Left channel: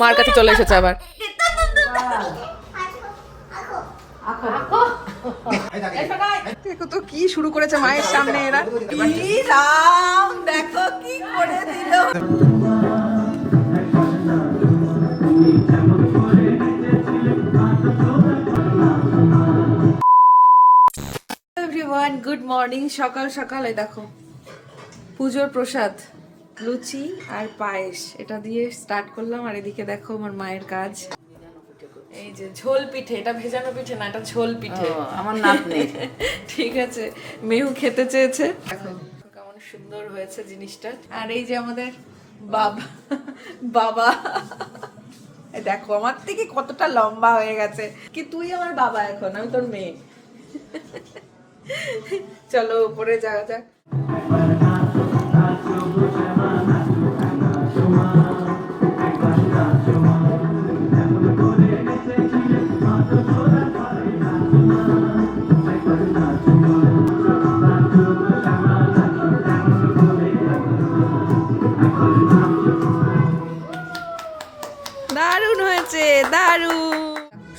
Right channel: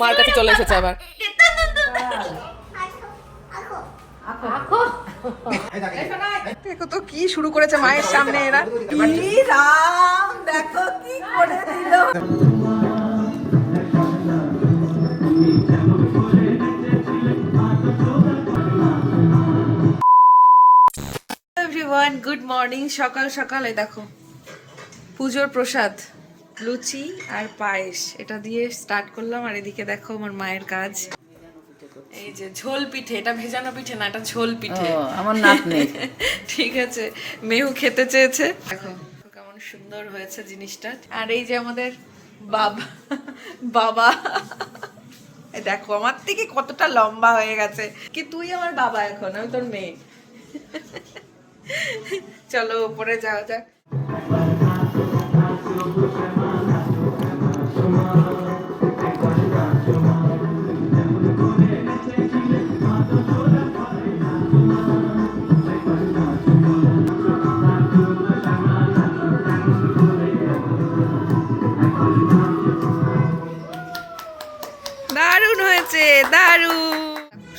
মার কাছে চলে এসেছে আবার। দেখো তো কি শুরু করেছে মায়ের সামনে এরা। কি রাম, দেখো কি করে দিল। Everyone, good morning. সকাল সকালে দেখো পুজোর প্রসাদ লুচি আর পায়েস, এটা দিয়ে স্টার্ট করলাম। আর এদিকে দেখো আমার মায়ের কাজ, এই যে ঝোল পিঠে। এটা ভেজানো পিঠে না, এটা ঝোল পিঠে। আমার নাক নেই। ঠিক আছে, মেহু খেতে চেয়েছে। দেখো কেমন সুন্দর হয়েছে জিনিসটা। আর এই যে আমাদের বাবা বাবা এই দেখো আমার থেকে কতটা লম্বা হয়ে গেছে। কি তুই আমার বাবা, এখন আমি তোর মেয়ে। চলো উপরে যাওয়া যাক। দারুণ হয়েছে, দারুণ।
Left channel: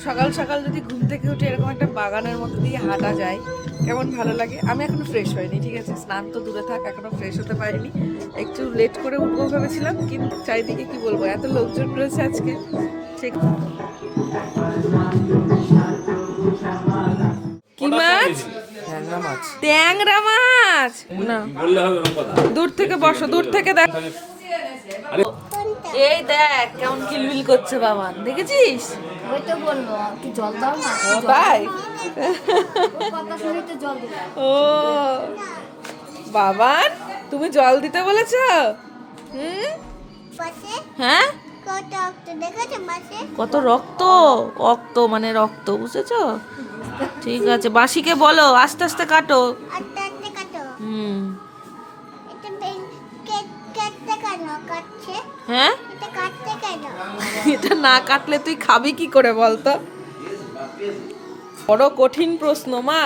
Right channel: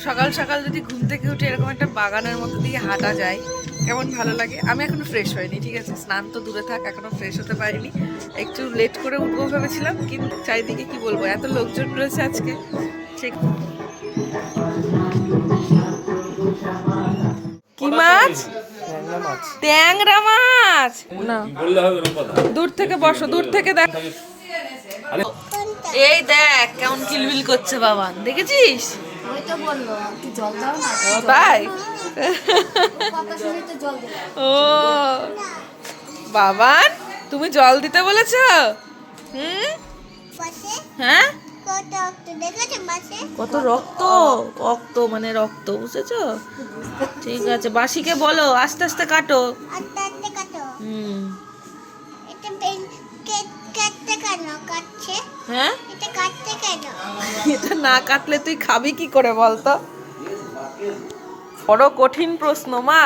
সকাল সকাল যদি ঘুম থেকে উঠে এরকম একটা বাগানের মধ্যে দিয়ে হাঁটা যায়, কেমন ভালো লাগে। আমি এখনো ফ্রেশ হয়নি, ঠিক আছে, স্নান তো দূরে থাক, এখনো ফ্রেশ হতে পারিনি। একটু লেট করে উঠবো ভেবেছিলাম, কিন্তু চারিদিকে কি বলবো, এত লোকজন রয়েছে আজকে। ঠিক কি মাছ? ট্যাংরা মাছ না, দূর থেকে বসো, দূর থেকে দেখ। এই দেখ কেমন কিলবিল করছে বাবা, দেখেছিস? তাই ও বাবান, তুমি জল দিতে বলেছ? হ্যাঁ, কত রক্ত, রক্ত মানে রক্ত, বুঝেছো? ঠিক আছে, বাসিকে বলো আস্তে আস্তে কাটো। হ্যাঁ, এটা না কাটলে তুই খাবি কি করে বলতো? বড় কঠিন প্রশ্ন মা।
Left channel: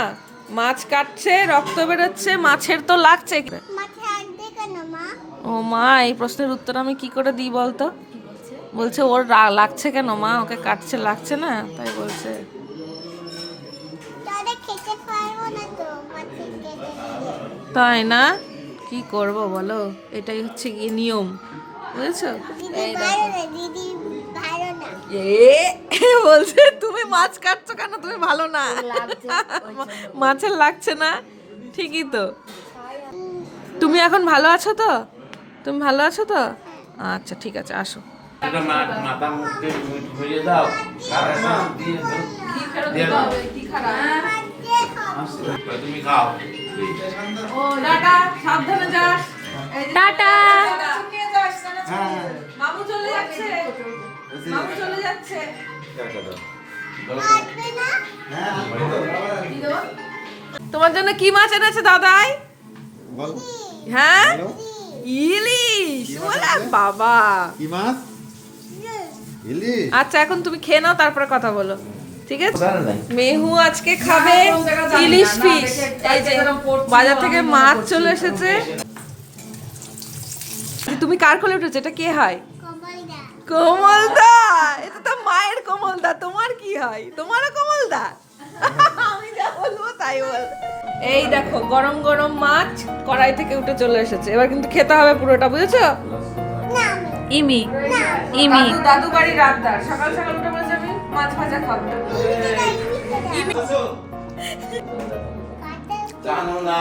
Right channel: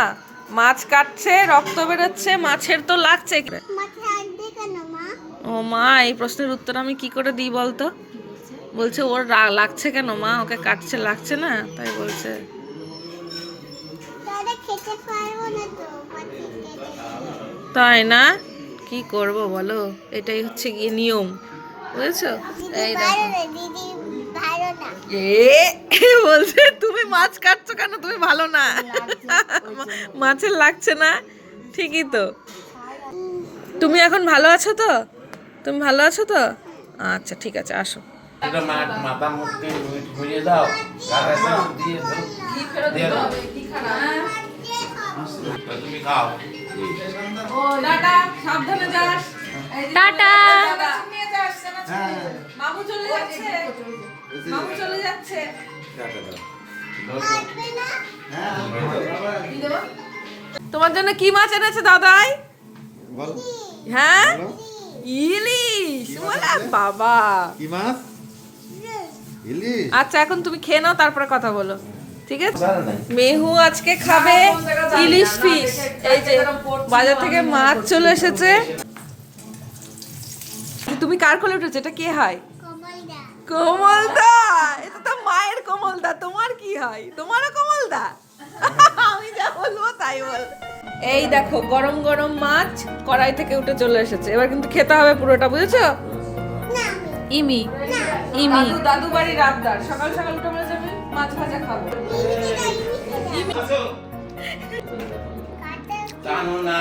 মাছ কাটছে, রক্ত বেরোচ্ছে, মাছের তো লাগছে। ও মা, এই প্রশ্নের উত্তর আমি কি করে দিই বলতো? বলছে ওর লাগছে কেন মা, ওকে কাটছে লাগছে না, তাই বলছে। তাই না, কি করব বলো, এটাই হচ্ছে গিয়ে নিয়ম, বুঝেছো? বলছে তুমি মাছ কাটছো কেন, তুমি ভালো না, মাছের লাগছে না। ঠিকই তো। তুমি এখন ভালো আছো তো? তুমি ভালো আছো তো? আচ্ছা ঠিক আছে, আসো। সাবধানে যাস। টাটা। মামু চলে যাচ্ছে, মামু চলে যাচ্ছে। তোমার জন্য কি মাছ এনেছে দাদাই? হ্যাঁ, ইলিশ। বলে বাবা, কি মাছ? ইলিশ। আচ্ছা এখন তুমি খেয়ে নাও, তারপরে কথা বলো, ঠিক আছে? মেহু আজকে খাবে ইলিশ ফিশ। এই যে বাজার থেকে মাছ চলে এসেছে। তুমি কার কোলে উঠেছো? এটা কে হয়? কমলদা। এটা তো মায়ের কমলদা, তোমার কি হয়? তোমারও কমলদা? আমি যা বলবো তাই বল। এই দেখো গরম গরম মাছ কড়াই থেকে উঠে চলে এসেছে, এবার কিন্তু খেতে হবে পুরোটা, বুঝেছো? ইমি ইমি দাদু বাড়ির রাতদার সকাল সকাল উঠে বলে যাবে মাছ ভাজা খাবো।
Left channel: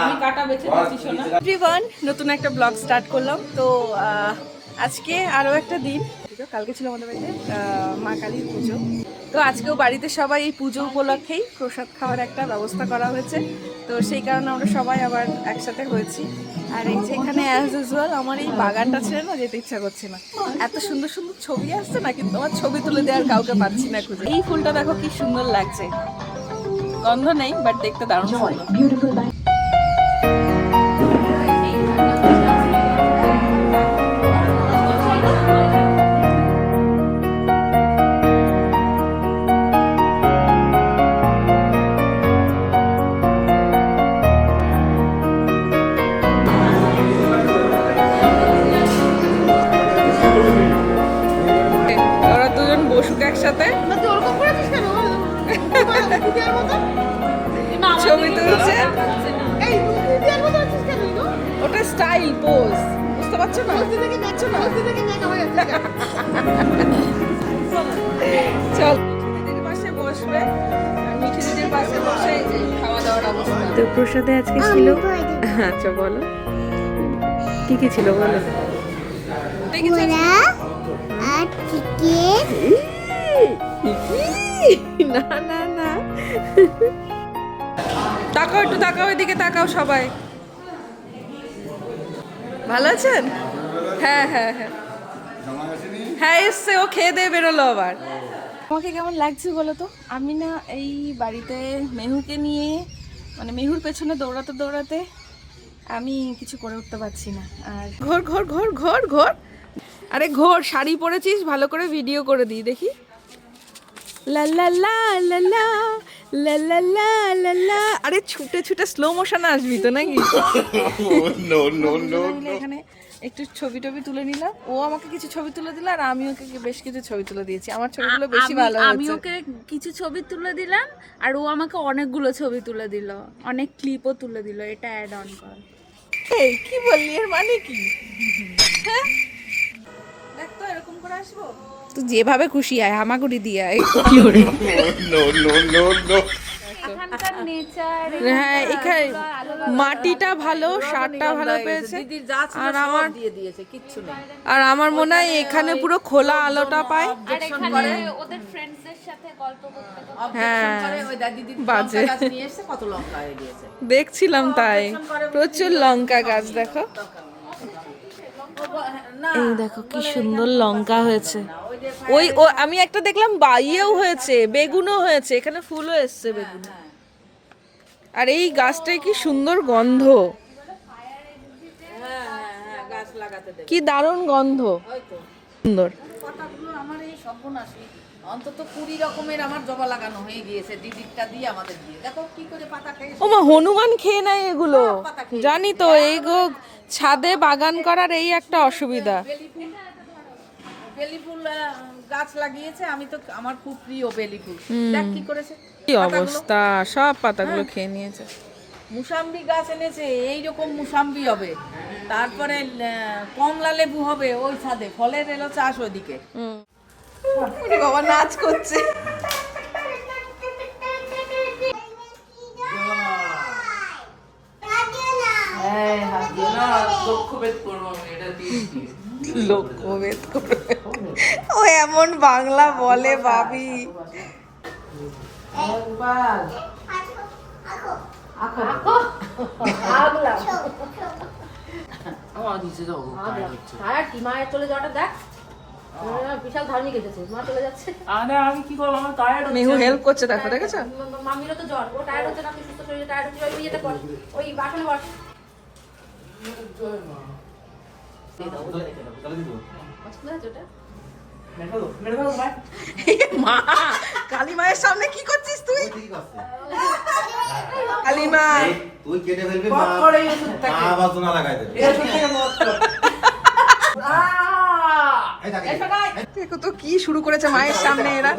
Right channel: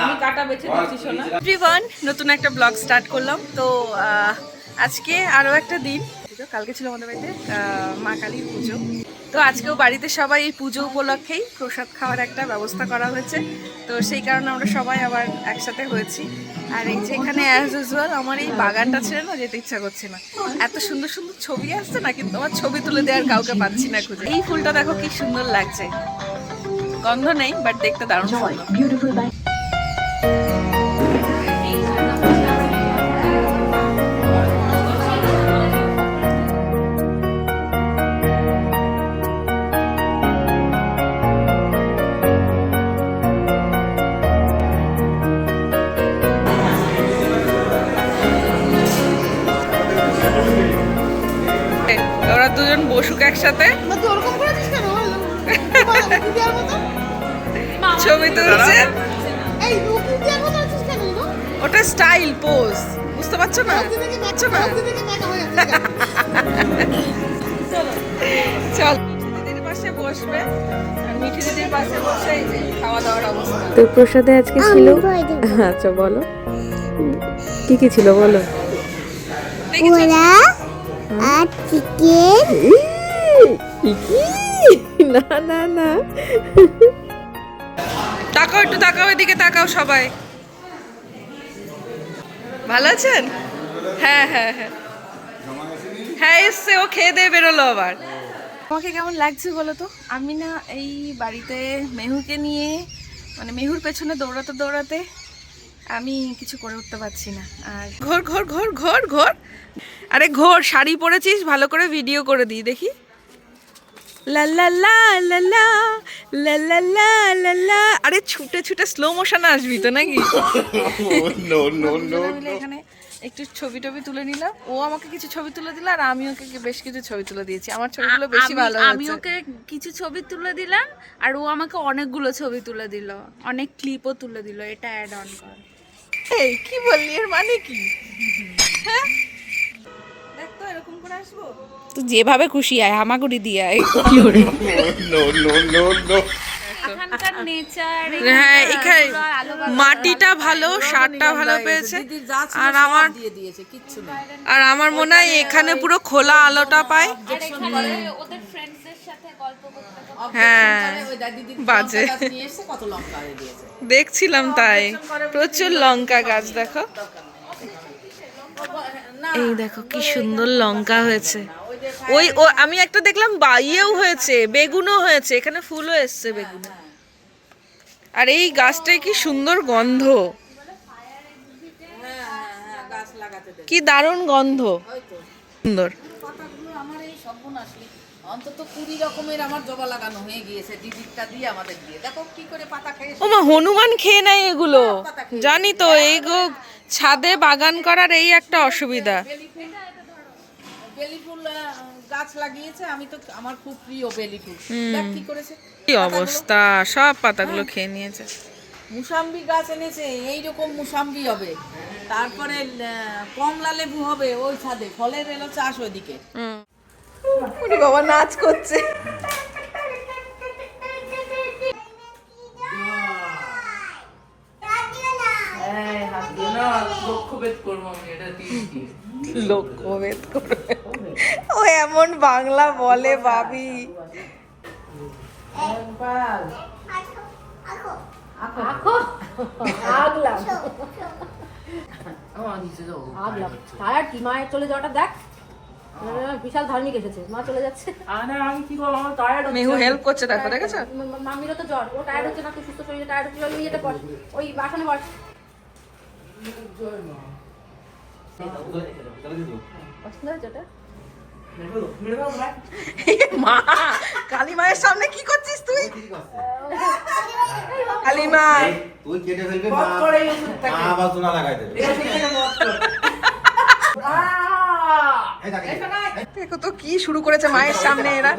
আমি কাটা বেছে দিচ্ছি সোনা। এভরিওয়ান, নতুন একটা ব্লগ স্টার্ট করলাম। তো আজকে আরো একটা দিন, কালকে ছিল আমাদের বাড়িতে মা কালীর পুজো। তো আজকেও বাড়িতে সবাই এই পুজো উপলক্ষেই প্রসাদ খাওয়ার একটা ব্যবস্থা করা হয়েছে। তো সেই কারণে আমরা সবাই আবার একসাথে হয়েছি। আর এই যে এখানে অ্যাজ ইউজুয়াল আমার এই বাগানটা ছিল না, যেতে ইচ্ছা করছে না। এত সুন্দর সুন্দর ছবি আসছে না, কিন্তু আমার ছবি তুলে দেওয়ার কাউকে পাচ্ছি না খুঁজে। এই ফুলটা দেখো কি সুন্দর লাগছে, গন্ধ নেই বাট দেখতে দারুণ সুন্দর। ওরা দুজন বসুক একসাথে, ছবি তুলছে। ওটা স্টাইল পোজ, বুঝতে পারছো না? চল দিদির পাশে বসবে, আর মিঠি দিদির পাশে বসে এই যে খাওয়া দাওয়ার অবস্থা। তো প্রসাদে আজকে ছিল, আচ্ছা বলো কি কি ছিল বলো। না না না, তাকাও একটু, তাকাও এদিকে, তাকাও সবাই। ভালো আছেন? হ্যাঁ হ্যাঁ হ্যাঁ হ্যাঁ, এসছে, ও খেয়ে দিয়ে বেরোলো আবার। আমাকে কেমন লাগছে বলো তো? আমি না এই বাড়িতে মেহুকে নিয়ে, মানে মেহুর পেছনে দৌড়াতে দৌড়াতে আমি কিছু করে উঠতে পারছি না। আর ঘর ঘর ঘর ঘর ঘর, আরে ঘর, শাড়ি পরেছিস, ভালো করে ভিডিও করে দিই দেখি। লা লা লা লা লা লা লা লা লা লা। আরে ছুটে ছুটে স্লো মোশনে আসবি তো নাকি? এখানে একটু ছবি টবি তুলে নিলাম, ও আমাকে কিছু ছবি তুলে দিল, আর আমি ওকে বেশ কিছু ছবি তুলে দিয়েছি। আমার ছবিগুলো বেশি ভালো হয়েছে। আমি ওকে কিছু ছবি তুলে দিলাম, আর ও আমাকে অনেকগুলো ছবি তুলে দিল, অনেক ক্লিপও তুলে দিল। এটা অ্যাড অন কর। এই কি বললি, এর মানে কি? হ্যাঁ দেখ তো, এরকম করে আসবো তো, যেভাবে খুশি আয়, হামাগুড়ি দিয়ে আয়। এখানকার নেচার, হ্যাঁ এখানে মাটিটা ভালো, সারটা ভালো পেয়েছে, আর আমার মনে হয় এখানে পুরো খোলা আলোটা পায়। ওদের ফ্রেন্ডসদের সাথে গল্প করতে হ্যাঁ বাজে দেখছিলাম, তাই প্রচুর লঙ্কা গাছ। দেখো এই দেখো কি সুন্দর লঙ্কা হয়েছে। ওই ও আমি একটা দেখলাম বাইয়েও হয়েছে, বেগুনও হয়েছে, এখানে ফুলও এসছে বেগুনে। আর এই গাছটায় কি সুন্দর গন্ধ, কি দারুণ গন্ধ, সুন্দর। আমার এই সর্বনাশী অন্তত 20 রকমের আমার জবা লাগানো হয়ে গিয়েছে, দিদিরটা দিয়ে আমাদের দিয়ে। দেখো কি করে পাতা খেয়ে। ও মা, হনুমান খেয়ে নেয় এগুলো, জানি তো। এই গো ছাদে বাগান করার এই একটা অসুবিধা। বেলি ফুল গাছ লাগিয়েছে, আমি তো, আমার খুব প্রিয় বেলি ফুল। দেখ কি করেছে, কি অবস্থা, সব পাতাগুলো খেয়ে নিয়েছে। মুসাম্বি গাছ এনেছে, এইরকম মুসাম্বি হবে। তারপরে কমলা লেবু হবে ওই ছাদে, ফলের এলো চাষ ওইদিকে। ওরে বাবা, নাচ করছে। লোকভেদ করবে, ও এমন বাংলা বলে ভাবি। বিশাল ধার্মিক এসেছে, মা চলে যাচ্ছে। আমি কি করবো, আমার টায়ার্ড। মেহু হেল্প করছে, দেখো দেখেছো? মামিরও তো জ্বর, ও টায়ার্ড হচ্ছে না, তুই সুস্থ শরীরে টায়ার্ড হচ্ছে, নিয়ে যেতে পার। ওই বাসন বস। মা, কালী মায়ের সামনে কি করছিস তুই? কালী মা তুই কেটে ফেলবি, মা আবার সোনা লাগাই দেবে। দেখো তো কি শুরু করেছে মায়ের সামনে এরা।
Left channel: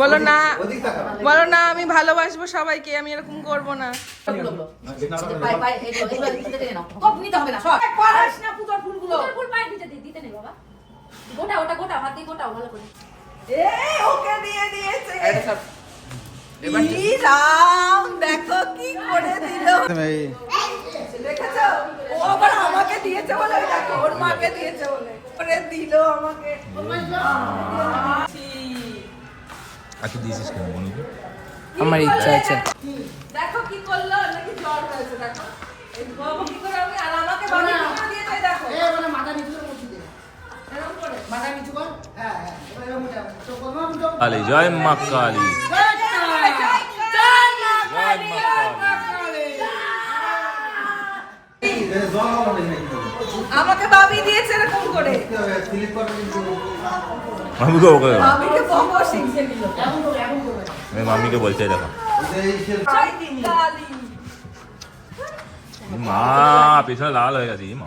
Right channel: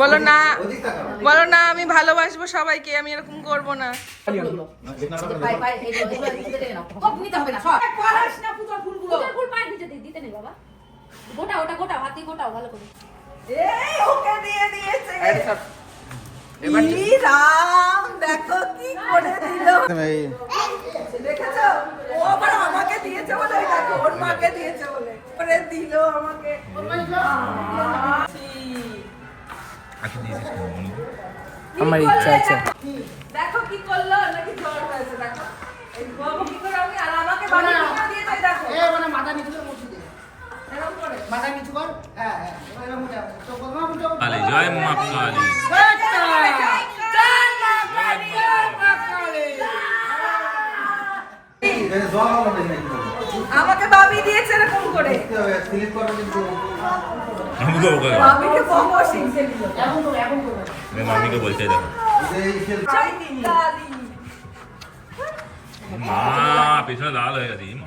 বলো না, বলো না আমি ভালোবাসবো সবাইকে, আমি এরকম করবো না। ফুল পায়ে দিতে নেই বাবা, গোটা ওটা গোটা হাত দিয়ে গোটাও ভালো করে। ওকে দিয়ে দিয়েছে। ই রাম, দেখো কি করে দিল। দেখেছো, ও আবার আমাকে দিয়েছে বলে, দেখো ওর মাকে দিয়েছে বলে করে দিল আমাকে। আমার ইচ্ছা আছে। দেখো কি করলো, নাকি জ্বর হয়েছে। দেখো এই বাবু কি করে, আমি আর আমাকে বাড়ি দিয়েছে। দেখো মাথা নিচু করে বসে দে, এরকম করে মাথা নিচু কর। হ্যাঁ হ্যাঁ, এরকম উঠে আয়। তো বললাম তো কালী, জয় মা কালী। আমাকে বাবি দিয়েছে এরকম করে। মামিকে ওকে বাবিকে বকো, শিখছে নিল। মামিকে বলছে দেখো, মা পিছনে লাল হয়ে গেছে। মা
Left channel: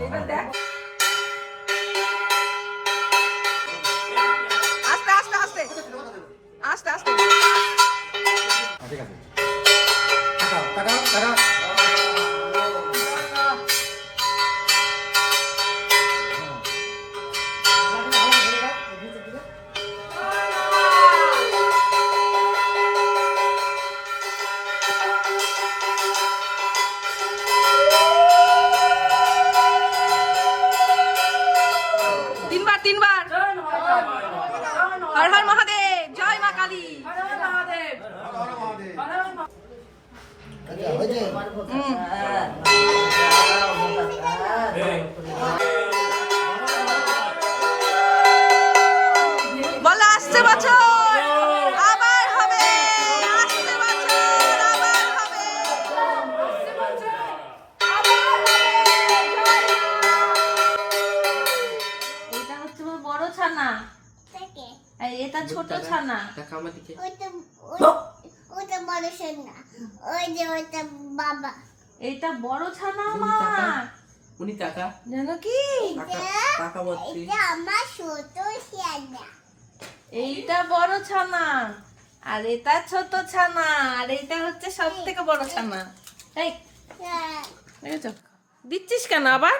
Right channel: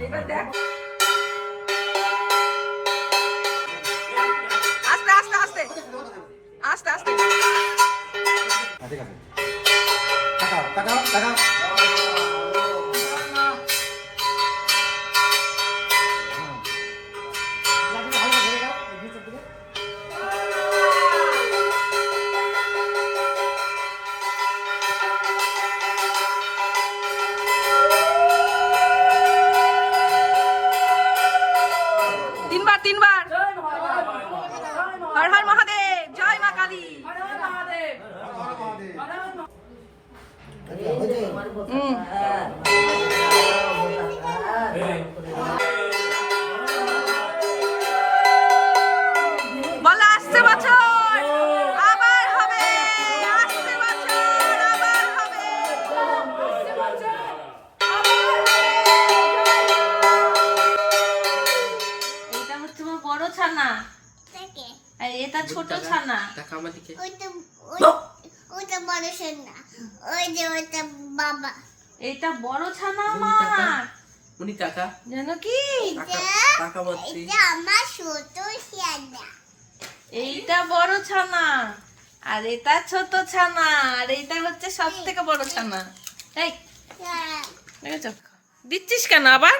আস্তে আস্তে। ঠিক আছে তাকাও তাকাও তাকাও তিনবার তিনবার। হর হর মহাদেব, জয় মা কালী। বলো আসছে বছর আবার হবে, আসছে বছর আবার হবে। এটা হচ্ছে আমার বড় ছানা, আর এটা ছোট ছানা। ওটা বড় সোনা, ওই যে ওটা বাবা। এটা বড় ছানা আমার, উনি কাকা জানো কি? কাকা বলছি এটা আমার ছোট সোনা। এইটা বড় ছানা, আর এটা ছোট ছানা, আর এইটা হচ্ছে সব থেকে বড় ছানা। এই দেখেছো? দিচ্ছিস কেন আবার?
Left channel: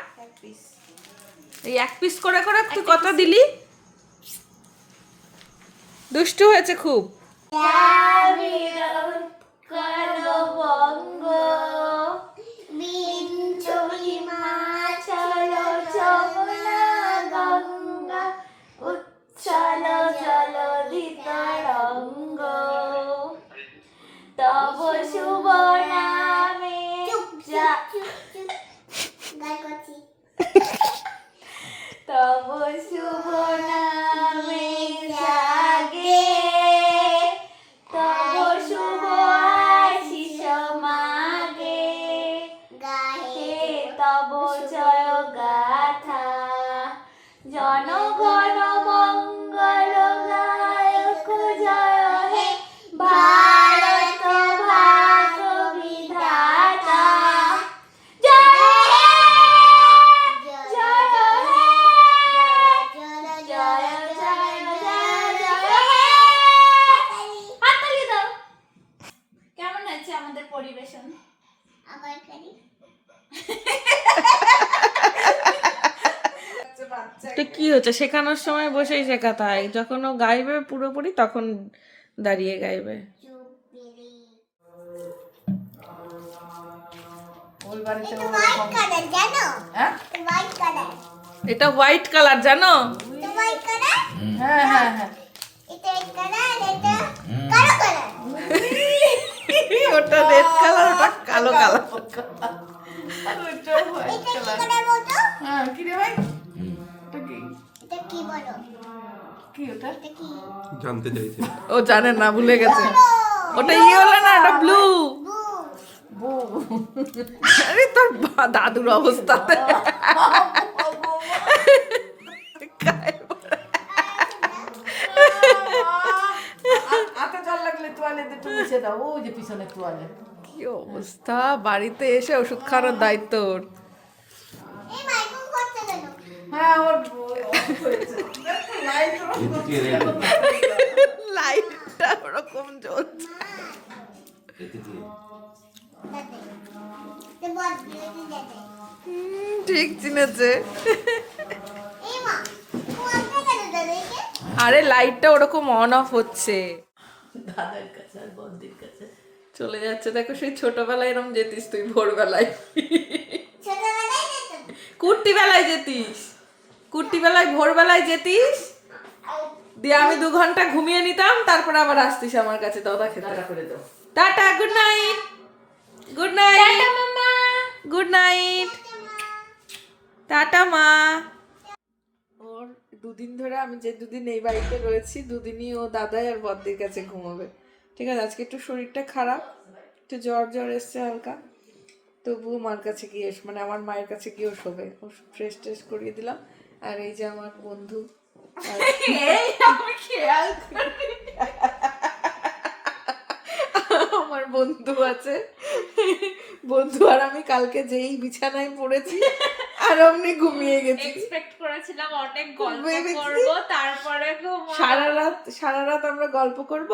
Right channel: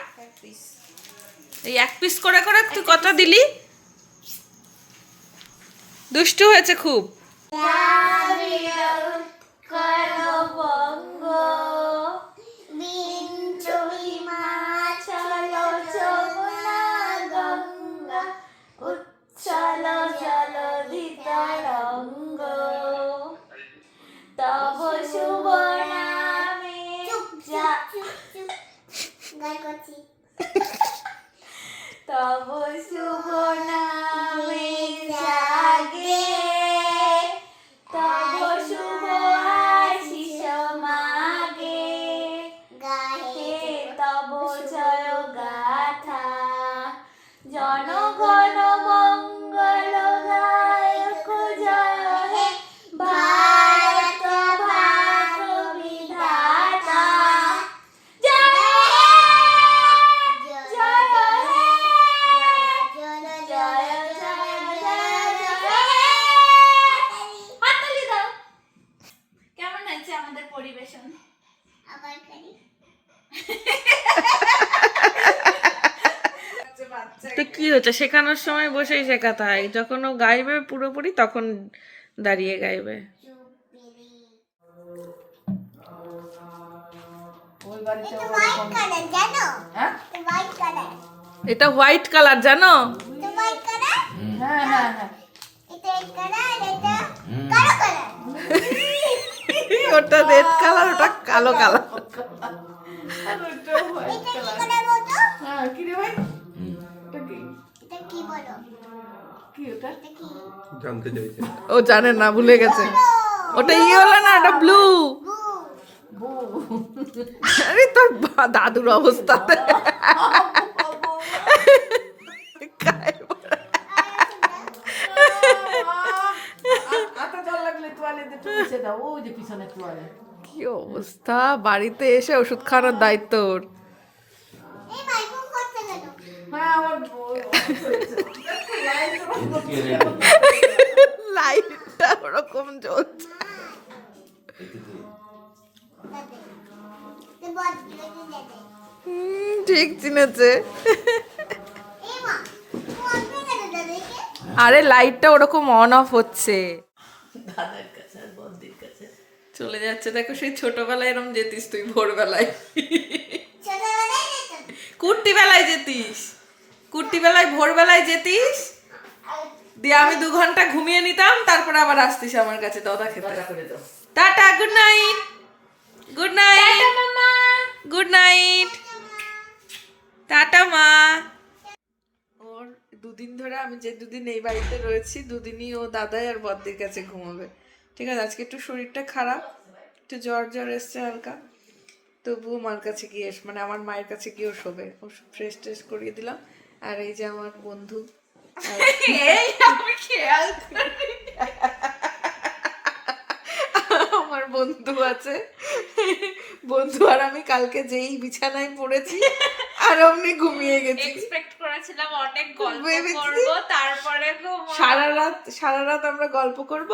এই এক পিস করে করে তুই কত দিলি? দুষ্টু হয়েছে খুব। তব শুভ নামে গান করছি। তব শুভ নামে জাগে, তব শুভ আশিস মাগে, গাহে তব জয় গাথা, জনগণ মঙ্গল গায়ক জয় হে ভারত ভাগ বিধাতা, জয় হে জয় হে জয় জয় জয় হে। হাততালি দাও। কেমন হচ্ছে আমাদের পরিবেশন? আবার করি। তো কি হচ্ছে, শেখানোর সময় বসেই শেখাতে হয়, যখন ও গাইবে পুরোপুরি তখন দাঁড়িয়ে গাইবে। এটা হোয়াইট কালার জানো? এটা হোয়াইট কালার। এটা হোয়াইট কালার জানো? এটা হোয়াইট কালার? হ্যাঁ হ্যাঁ হ্যাঁ। এটা রেড কালার, এটা কালো কালার। ওটা রেড কালার, ওটা কালো কালার। এটা কি কালার বলো? হ্যাঁ কি রে ভাই? এটা কি বলো? কি ওটা? এটা কি? জানতে চাইছে ও জানে না, ভুলে গেছে। ওটা ইয়েলো না, ওটা ব্লু। আরে তোর দাদুর অবস্থা। আটা জল লাগলে তোয়ালে দিয়ে মুছে দাও, ওই যে পিছনে তোয়ালে। কি অবস্থা, বাড়িতে এসে ওষুধ খাওয়ানোর দায়িত্ব ওর। এই মাইকুম করতে গেল। হ্যাঁ ওর হয়েছে। লাইটটা ওরকম জ্বলছে। দাদা বল দাদা। ঠিক চিনেছে। এই মা কোনটা গেল দাদা একে? আরে লাইটটা ওরকম অন অফ হচ্ছে। দাদার কাছে আর বন্দির কাছে। চলে যাচ্ছে, দেখো সেই ছোটবেলায় এরকম যেতিস তুই ভোরবেলায়। ছোটবেলায় যেতাম। কুর্তি বেলায় যেতিস, কুর্তি বেলায় ভোরবেলায় যেতিস, দিয়ে আমি 2 ঘন্টা ঘুমিয়ে নিতাম, তারপরে আবার আসতিস আমার কাছে দাদা খেতে। করে দাও। Tata, good night, good night, good night, tata মা। ওর 2 দিন ধরে, আমি যে 2 দিন এই বাড়িতে রয়েছি 2 দিনই ও দাদাই আর বদ্দির কাছে ঘুমাবে। ঠিক আছে, আজকে একটু শরীরটা খারাপ, একটু জ্বর জ্বর এসছে হালকা, তবুও মার কাছে গিয়ে মানে আমার মায়ের কাছে গিয়েও শোবে। ও ফ্রেশ ট্রেশ করিয়ে দিলাম। আর এই যে আমার বন্ধু, আমার বন্ধু আছে, বন্ধু আর আমি কালকে যেই বিছানায় পড়েছি আর অমনি ঘুমিয়ে গেছি। এক্সপেক্ট করা ছিলাম অনেক গল্প করব, তারপরে সারা রাত আমরা গল্প করব,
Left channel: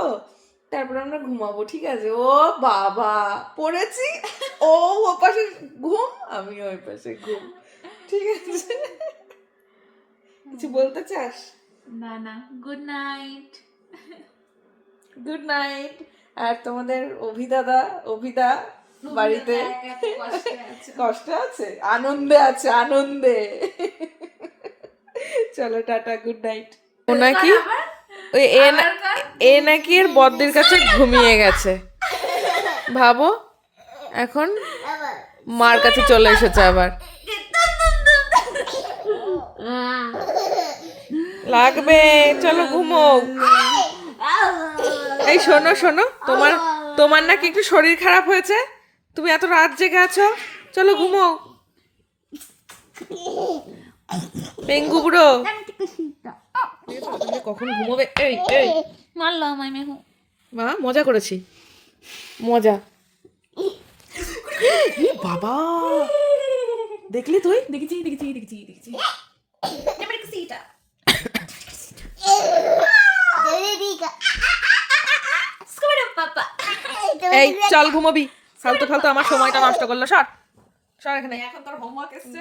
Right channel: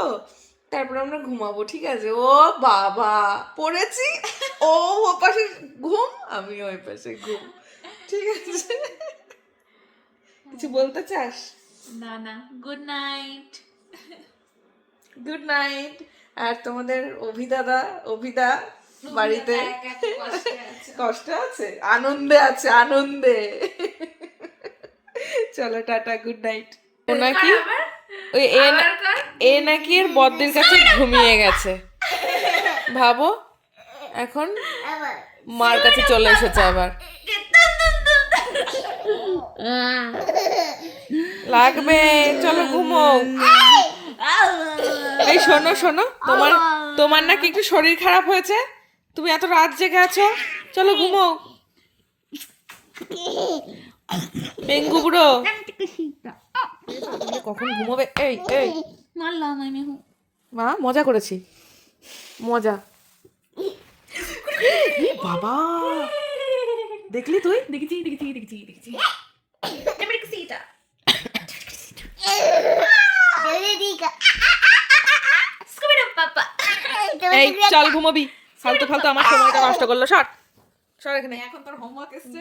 তারপরে আমরা ঘুমাবো, ঠিক আছে? ও বাবা, পড়েছি, ও পাশে ঘুম, আমি ওই পাশে ঘুম, ঠিক আছে? কিছু বলতে চাস? না না, গুড নাইট। Good night. আর তোমাদের অভিদা বাড়িতে কষ্ট আছে, আনন্দে আছে, আনন্দে। চলো টাটা, গুড নাইট। ও নাকি ওই এ নাকি এর বদ্দির কাছে ঘুমিয়ে গেছে, ভাবো, এখন মার কাছে চলে এসেছে আবার। লাগবে, চলো ঘুমো। এই শোনো শোনো, তোমার নাকি একটু শরীর খারাপ হয়েছে, তুমি এত রাত জেগে আছো, চলো ঘুমো। পেঙ্গু বুড়ো কখন ঘুমোবে? এই এই মা, মজা করেছি, মজা। বাবা, দেখলি তুই? দেখেছি। এই চল ঘুমোবি, ফালতু ফালতু আমার সময়টা নষ্ট করলো। সর সর এখানে। এখন তোর হোমওয়ার্ক এসছে,